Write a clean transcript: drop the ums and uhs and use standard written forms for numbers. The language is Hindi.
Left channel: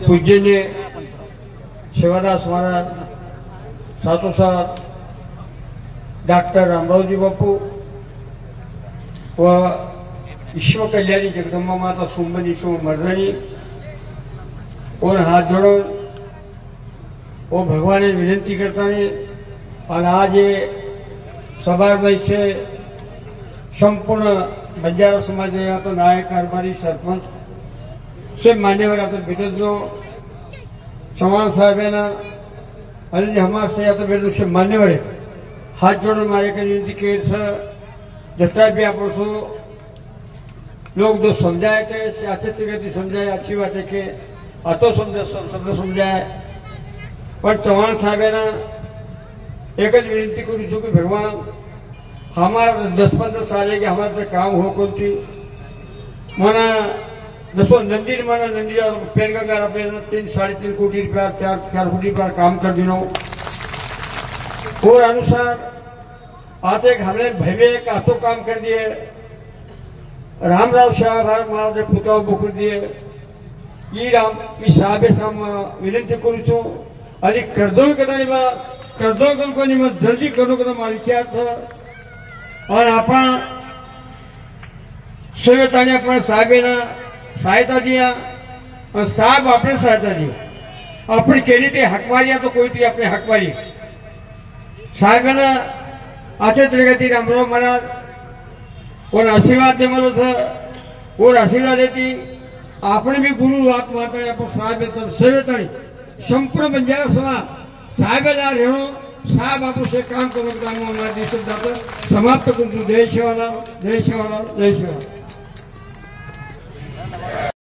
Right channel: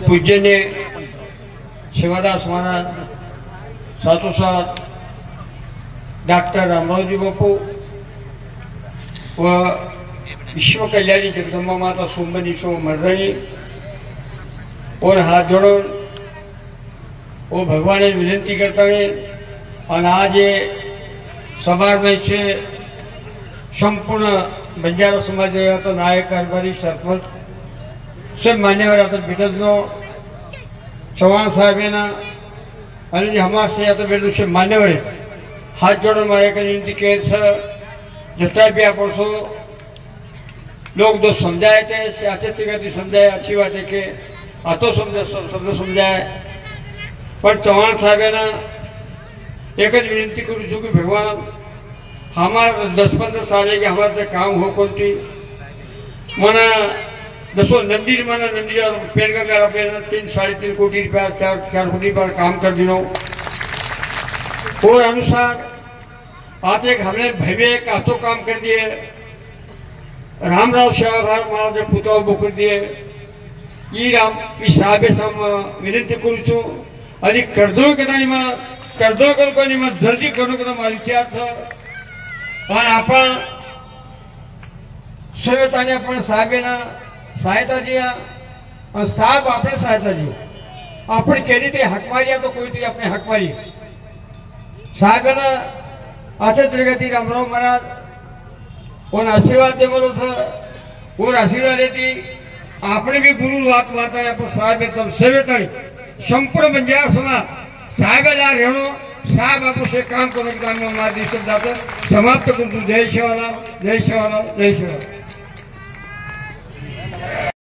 पूज्यने शिवादास महाराज, साथोसाथ डॉक्टर रामरावजी बापू व विश्व कल्याणी जगदम्बा माता सुमन ईश्वर मर्दनी और हाथ जोड़ो वो भगवान ने विनती करता है। और आज ये समाज में से संपूर्ण बंजारा समाज तो नायक कारभारी सरपंच सब मान्यवर आता बिटो चौहान साहब है ना आणि हमारे से आता बिटो से मान्यवर हाथ जोड़ो मारे का विनती कर जितना भी आप लोग जो समझाए थे अच्छे तरीके समझाए, अच्छी बात है कि तो शब्द समझाए। पर चौहान साहब है ना एक विनती करूँ जो कि भगवान हमारा 10-15 साल है कि हमारे काम हो कौन थी मना दसो नंदी मना नंदी पेन का 3-3.5 कोटी रुपया 4 कोटी रुपया काम कर दिनों और अनुसार आज एक हमने भव्य एक आतो काम कर दिए। रामराव शाह महाराज पुतळा बोकर दिए ई राम मी साहेब विनंती करू छू आणि कर्दोळकरांनी मग जल्दी करू का मला विचार पण आपण सेवेताने आपण साहेबांना सहायता दिया और साहब अपने सहायता दी अपनी चली थी हकमारी तो कोई थी अपने हकमारी साहब ने अच्छे तरीके थी रामराव महाराज और आशीर्वाद दे मनो था और आशीर्वाद देती आपने भी गुरु बात माता है पर साहब तो सेवेतानी संपूर्ण बंजारा समाज साहब रेणो साहब आप से काम करो हमारे देश समाप्त कर जय शिवराम जय शिवराम जय शिवराम।